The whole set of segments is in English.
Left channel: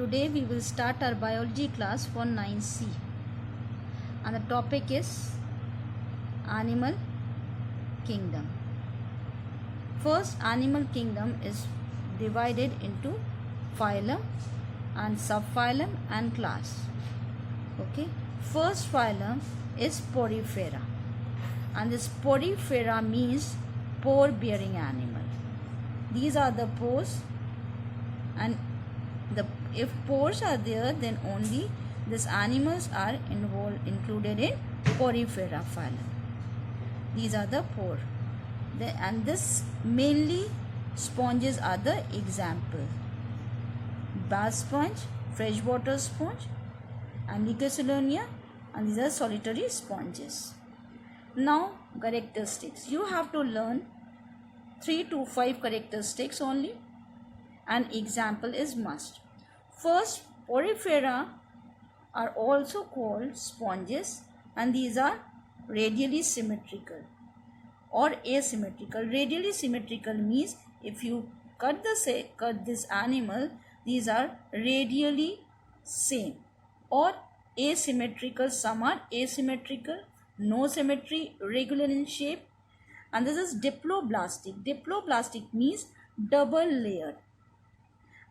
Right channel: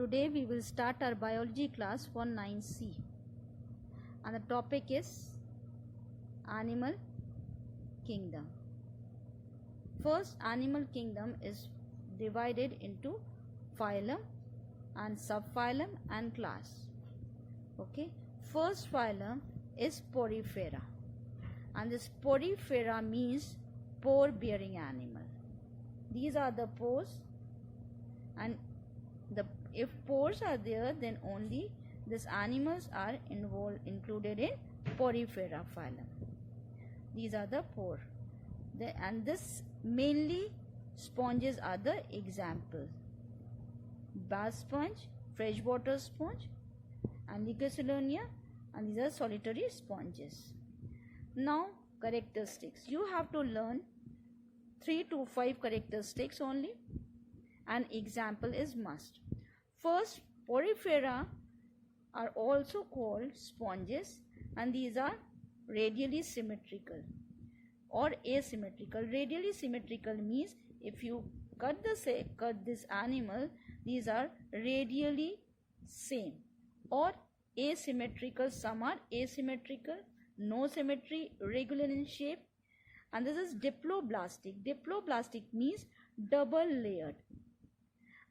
Today we will start our biology class for 9C and the topic is animal kingdom. First, animal kingdom is divided into phylum and subphylum and class. Okay, first phylum is Porifera, and this Porifera means pore bearing animal. These are the pores, and if pores are there, then only these animals are included in Porifera phylum. These are the pore, and this mainly sponges are the example: bath sponge, freshwater sponge, and Licosolonia, and these are solitary sponges. Now characteristics, you have to learn 3 to 5 characteristics only, and example is must. First, Porifera are also called sponges, and these are radially symmetrical or asymmetrical. Radially symmetrical means if you cut this animal, these are radially same, or asymmetrical, some are asymmetrical, no symmetry, regular in shape. And this is diploblastic. Diploblastic means double layered,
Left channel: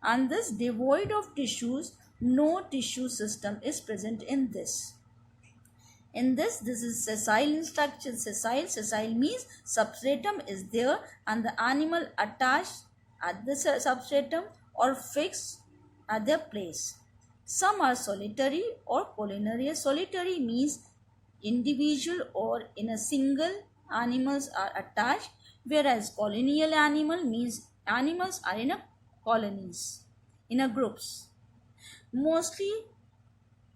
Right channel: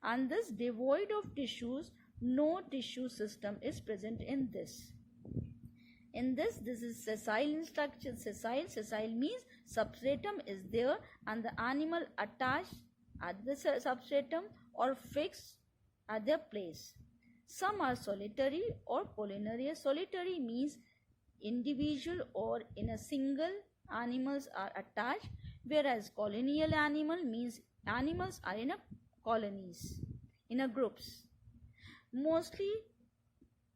and this devoid of tissues, no tissue system is present in this. This is sessile in structure. Sessile means substratum is there and the animal attached at the substratum or fixed at their place. Some are solitary or collinear. Solitary means individual or in a single animals are attached, whereas collineal animal means animals are in a colonies, in a groups. Mostly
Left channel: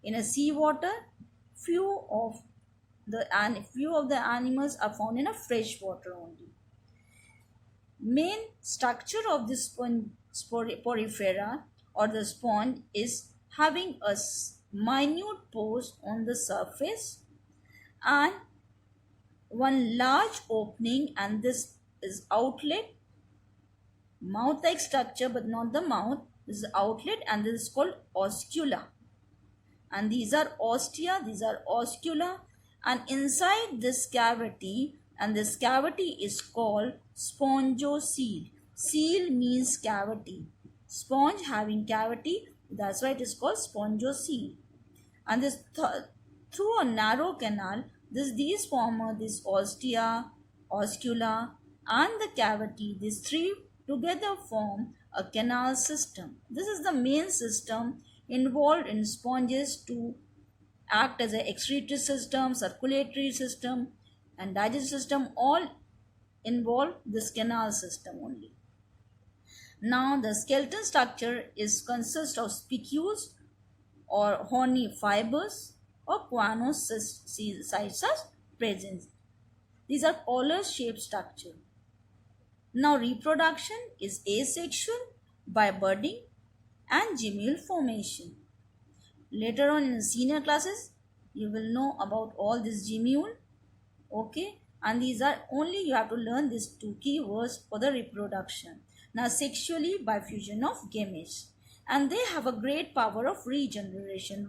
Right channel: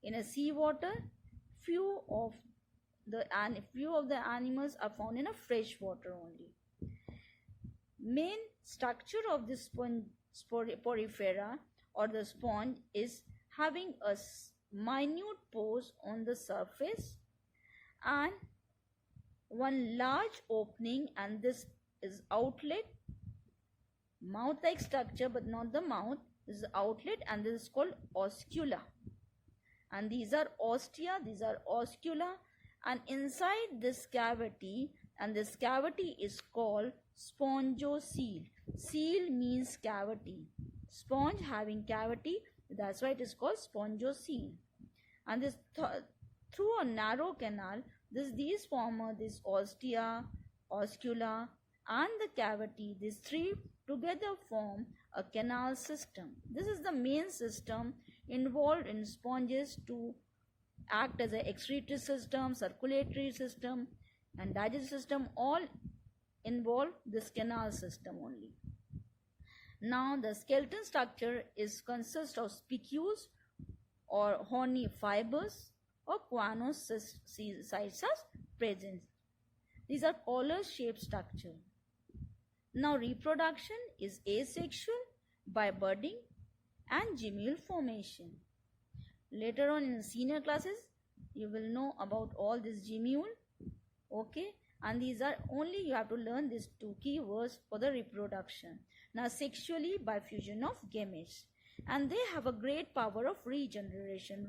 in a seawater, few of the animals are found in a fresh water only. Main structure of this Porifera or the sponge is having a minute pores on the surface and one large opening, and this is outlet, mouth like structure but not the mouth. This is outlet, and this is called oscula, and these are ostia, these are oscula, and inside this cavity, and this cavity is called spongocoel. Seal means cavity, sponge having cavity, that's why it is called spongocoel. And this through a narrow canal, these form this ostia, oscula, and the cavity. These three together form a canal system. This is the main system involved in sponges to act as an excretory system, circulatory system, and digestive system. All involve this canal system only. Now the skeleton structure consists of spicules or horny fibers or choanocytes are present. These are collar shaped structure. Now reproduction is asexual by budding and gemule formation. Later on in senior classes, you will know about all this gemule. Okay, and these are only you have to learn these 2 keywords for the reproduction. Now sexually by fusion of gametes, and they have a great power of regeneration.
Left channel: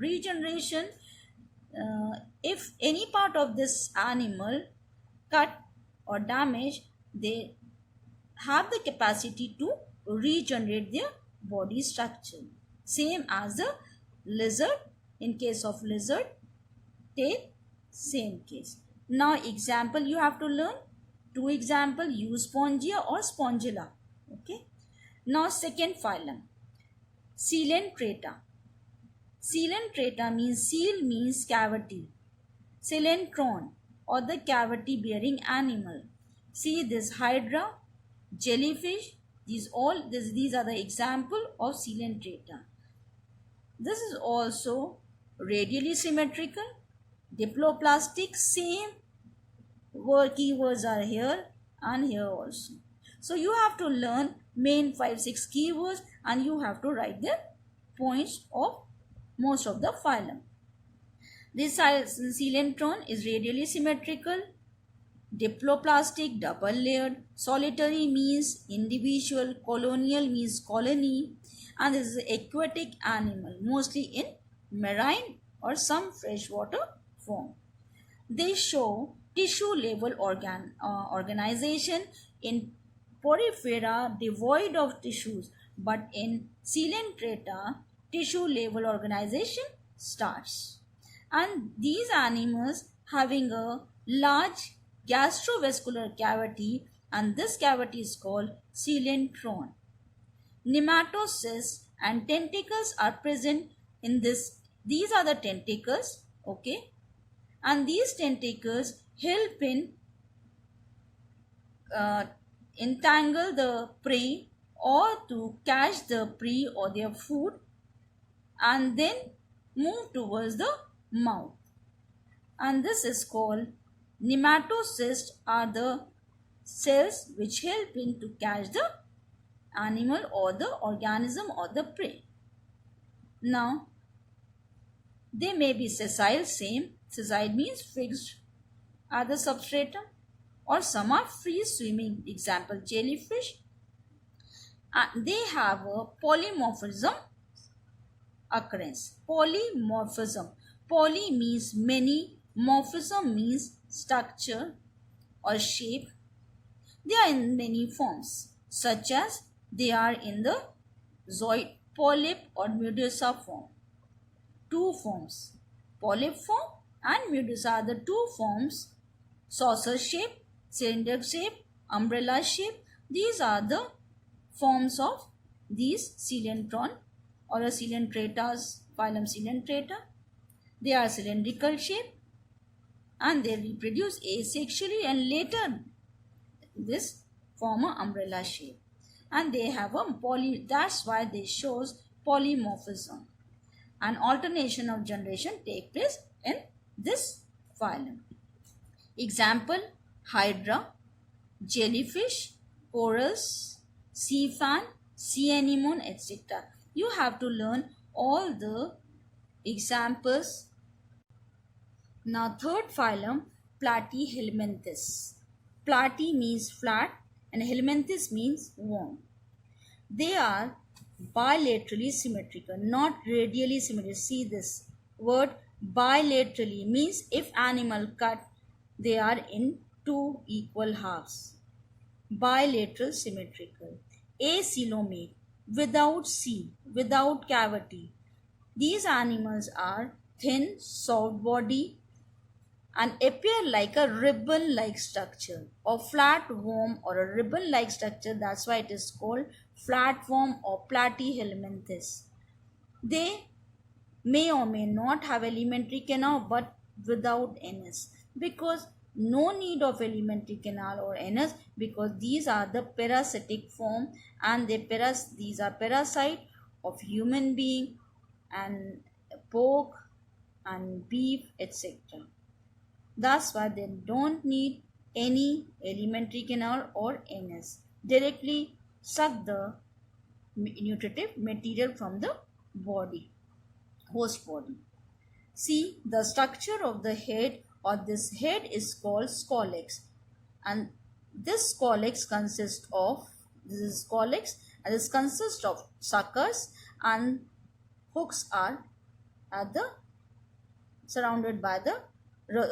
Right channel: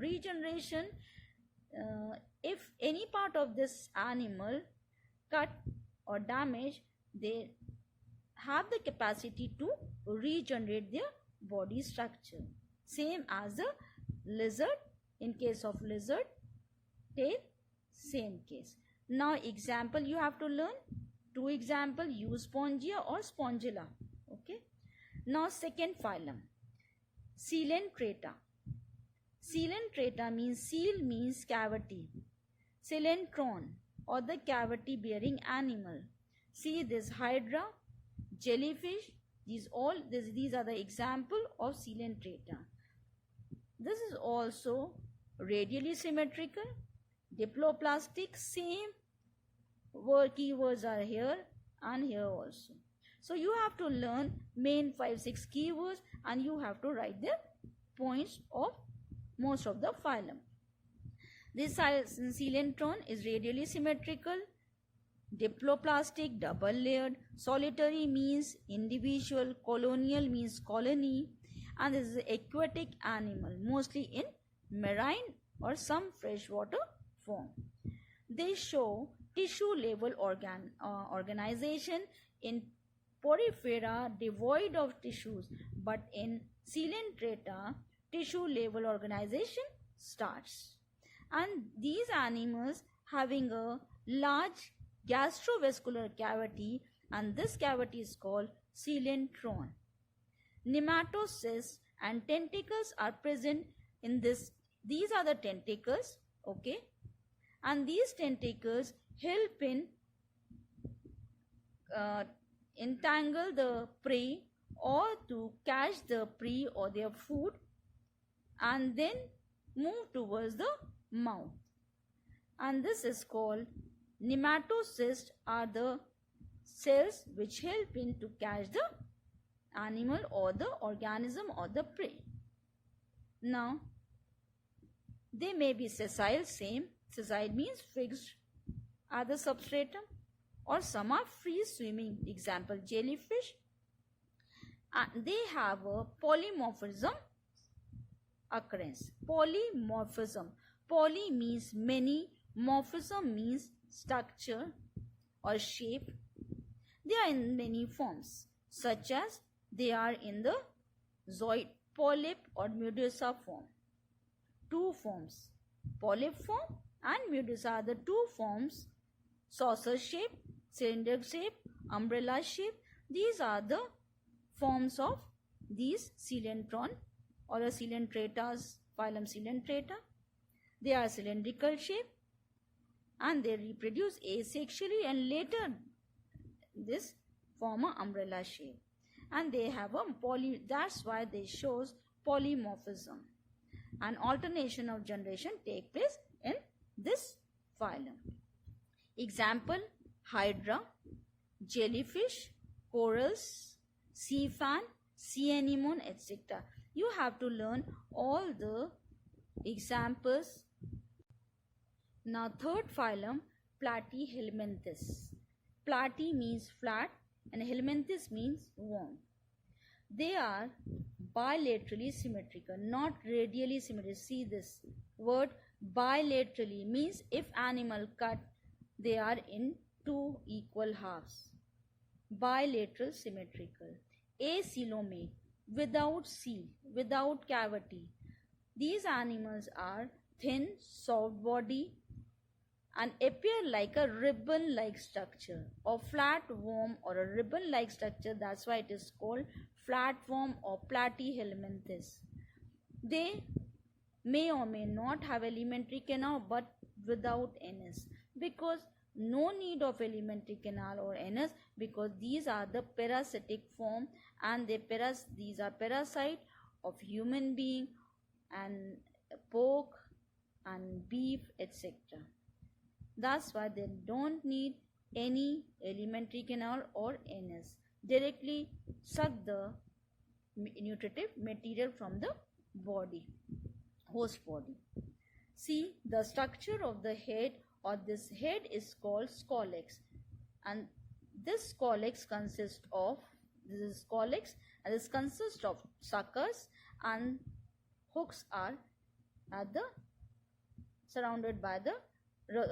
If any part of this animal cut or damaged, they have the capacity to regenerate their body structure, same as the lizard. In case of lizard, take same case. Now example you have to learn 2 example: Euspongia or Spongilla. Okay, now second phylum, Coelenterata. Coelenterata means seal means cavity, coelentron or the cavity bearing animal. See this hydra, jellyfish, these are the example of Coelenterata. This is also radially symmetrical, diploplastic, same keywords are here and here also. So you have to learn main 5-6 keywords, and you have to write the points of most of the phylum. This coelentron is radially symmetrical, diploplastic, double layered, solitary means individual, colonial means colony, and this is an aquatic animal, mostly in marine or some freshwater form. They show tissue level organization in porifera devoid of tissues, but in coelenterata tissue level organization starts. And these animals having a large gastrovascular cavity, and this cavity is called coelentron. Nematocysts and tentacles are present in this. These are the tentacles, okay, and these tentacles help in entangle the prey or to catch the prey or their food and then move towards the mouth. And this is called nematocysts are the cells which help in to catch the animal or the organism or the prey. Now, they may be sessile, same. Sessile means fixed at the substratum, or some are free swimming, example jellyfish. And they have a polymorphism occurrence. Polymorphism. Poly means many, morphism means structure or shape. They are in many forms, such as they are in the zooid, polyp or medusa form. Two forms, polyp form and medusa are the two forms. Saucer shape, cylinder shape, umbrella shape. These are the forms of these coelentron or a coelentratas, phylum Coelentrata. They are cylindrical shape and they reproduce asexually and later this form a umbrella shape. And they have a that's why they shows polymorphism. And alternation of generation take place in this phylum. Example, hydra, jellyfish, corals, sea fan, sea anemone, etc. You have to learn all the examples. Now third phylum, Platyhelminthes. Platy means flat and helminthes means worm. They are bilaterally symmetrical, not radially symmetrical. See this word bilaterally means if animal cut, they are in two equal halves. Bilateral symmetrical. Acoelomate, without C, without cavity. These animals are thin, soft body and appear like a ribbon-like structure or flat worm or a ribbon-like structure. That's why it is called flatworm or Platyhelminthes. They may or may not have alimentary canal but without anus, because no need of alimentary canal or anus, because these are the parasitic form and these are parasite of human being and pork and beef, etc. That's why they don't need any alimentary canal or anus. Directly suck the nutritive material from the body, host body. See, the structure of the head or this head is called scolex, and this scolex consists of suckers, and hooks are at the surrounded by the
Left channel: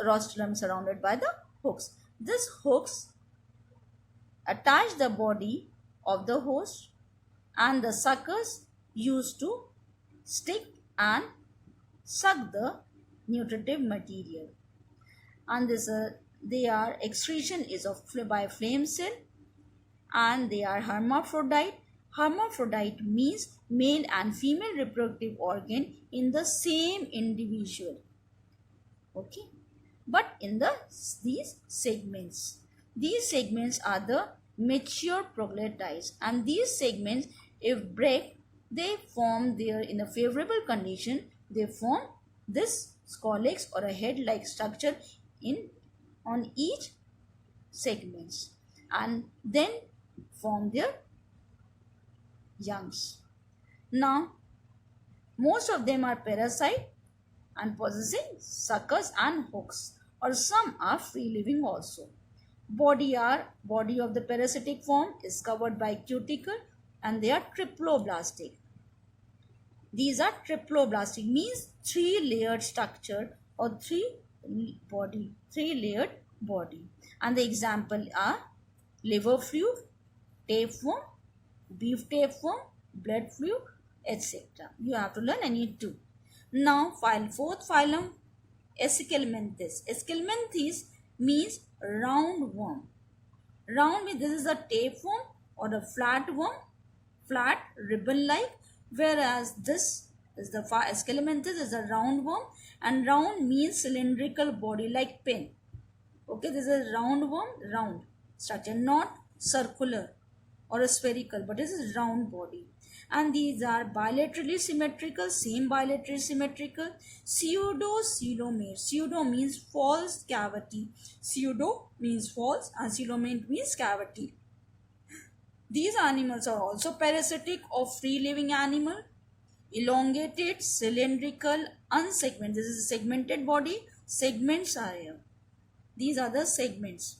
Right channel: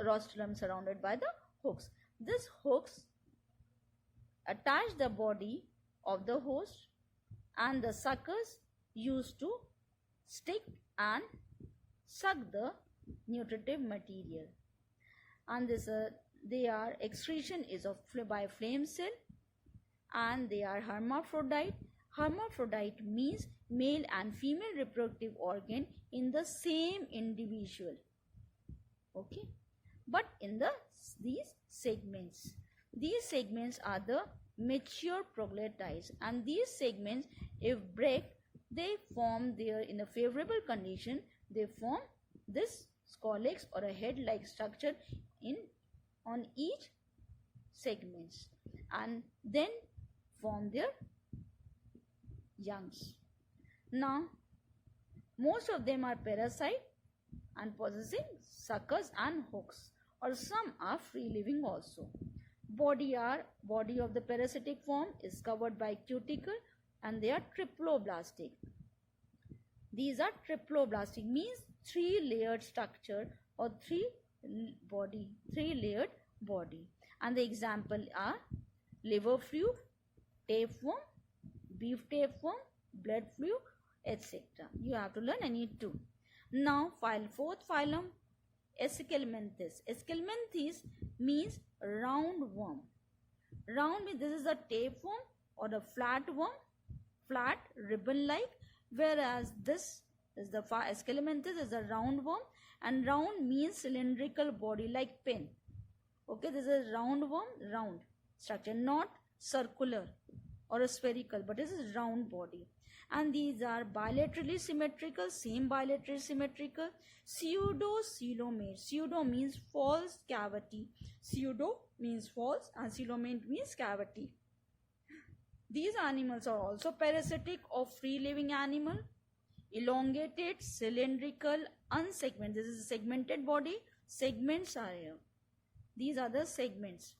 rostrum, surrounded by the hooks. These hooks attach the body of the host and the suckers used to stick and suck the nutritive material. And their excretion is by flame cell, and they are hermaphrodite. Hermaphrodite means male and female reproductive organ in the same individual. Okay, but in these segments are the mature proglottides, and these segments, if break, they form there in a favorable condition, they form this scolex or a head like structure on each segments, and then form their youngs. Now most of them are parasite and possessing suckers and hooks, or some are free living also. Body of the parasitic form is covered by cuticle and they are triploblastic. These are triploblastic, means three-layered structure or three-layered body. And the example are liver fluid, tapeworm, beef tapeworm, blood fluid, etc. You have to learn any two. Now, fourth phylum, Escalmenthes. Escalmenthes means round worm. Round means this is a tapeworm or a flat worm, flat ribbon-like, whereas this is the Escalmenthes is a round worm, and round means cylindrical body like pen. Okay, this is a round worm, round structure, not circular or a spherical, but this is round body. And these are bilaterally symmetrical, same bilaterally symmetrical, pseudo-coelomate. Pseudo means false cavity. Pseudo means false and coelomate means cavity. These animals are also parasitic of free-living animal. Elongated, cylindrical, unsegmented. This is a segmented body. Segments are here. These are the segments.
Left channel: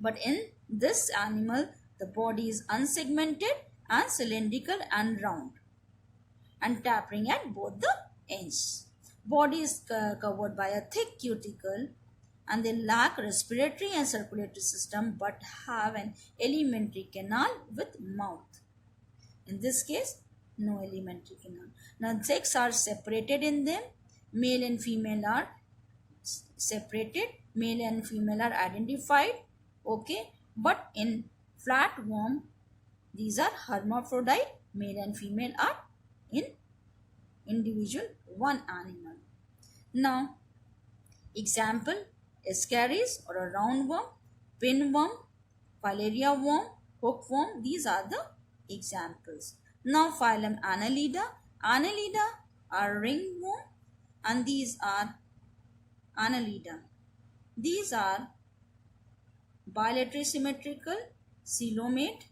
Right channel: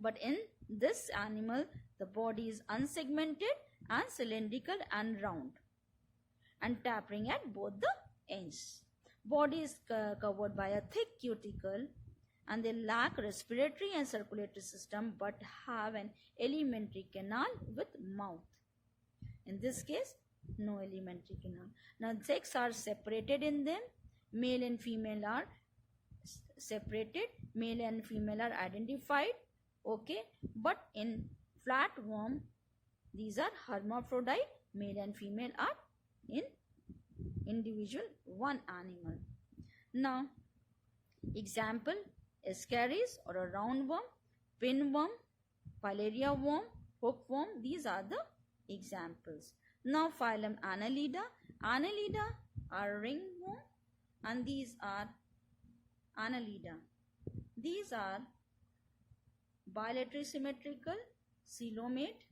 But in this animal, the body is unsegmented and cylindrical and round and tapering at both the ends. Body is covered by a thick cuticle, and they lack respiratory and circulatory system but have an alimentary canal with mouth. In this case, no alimentary canal. Now, sex are separated in them. Male and female are separated. Male and female are identified. Okay, but in flatworm, these are hermaphrodite. Male and female are in individual one animal. Now, example, Ascaris or a roundworm, pinworm, filaria worm, hookworm. These are the examples. Now, phylum Annelida. Annelida are ringworm, and these are Annelida. These are bilaterally symmetrical, coelomate,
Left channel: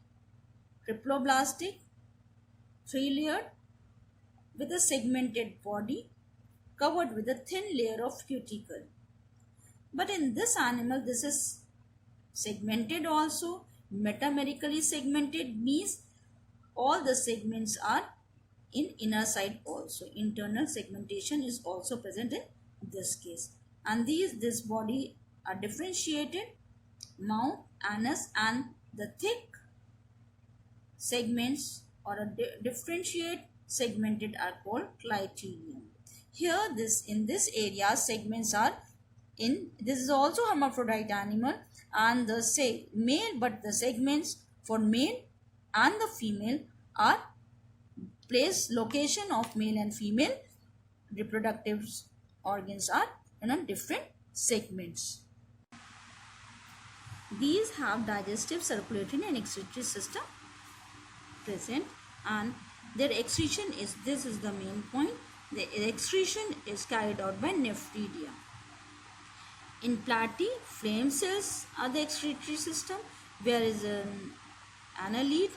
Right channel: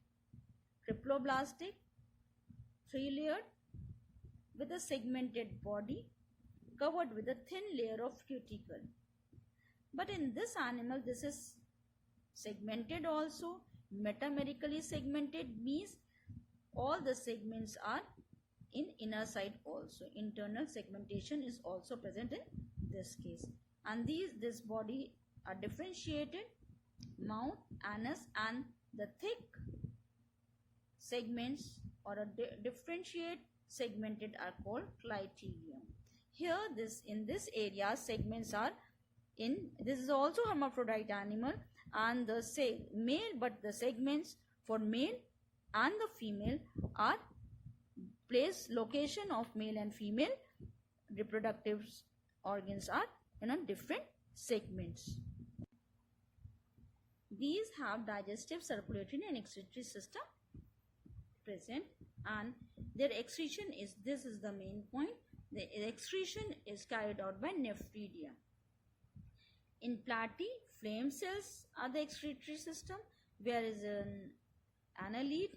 triploblastic, three-layered, with a segmented body covered with a thin layer of cuticle. But in this animal, this is segmented also. Metamerically segmented means all the segments are in inner side also. Internal segmentation is also present in this case. And this body are differentiated, mouth, anus, and the thick segments or a differentiate segmented are called clitorium. Here, in this area, segments are in. This is also hermaphrodite animal, and the male, but the segments for male and the female are location of male and female reproductive organs are in different segments. These have digestive, circulatory and excretory system present, and their excretion is, this is the main point, the excretion is carried out by nephridia. In platy, flame cells are the excretory system, whereas in annelid,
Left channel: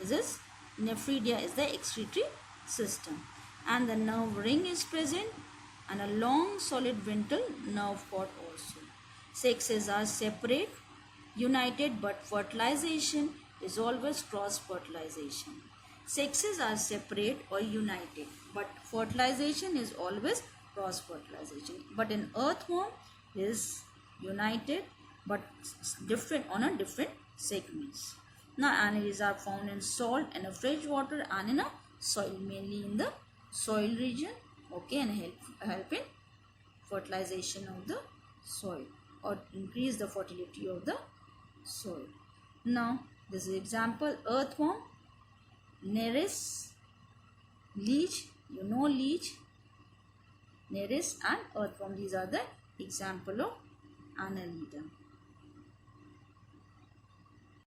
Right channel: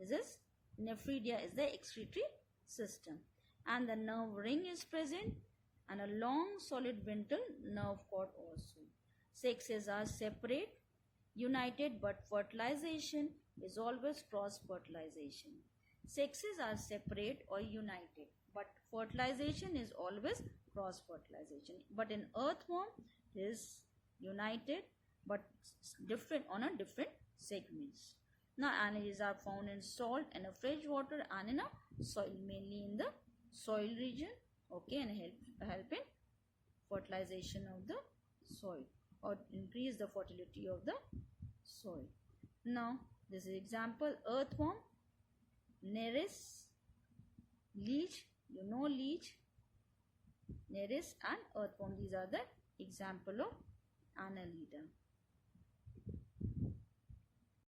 this is nephridia is the excretory system, and the nerve ring is present and a long solid ventral nerve cord also. Sexes are separate, united, but fertilization is always cross fertilization. Sexes are separate or united, but fertilization is always cross fertilization. But in earthworm is united but different on a different segments. Now, annelids are found in salt and a fresh water and in a soil, mainly in the soil region. Okay, and help in fertilization of the soil or increase the fertility of the soil. Now, this is example: earthworm, nereis, leech. You know leech, nereis, and earthworm. These are the example of annelida.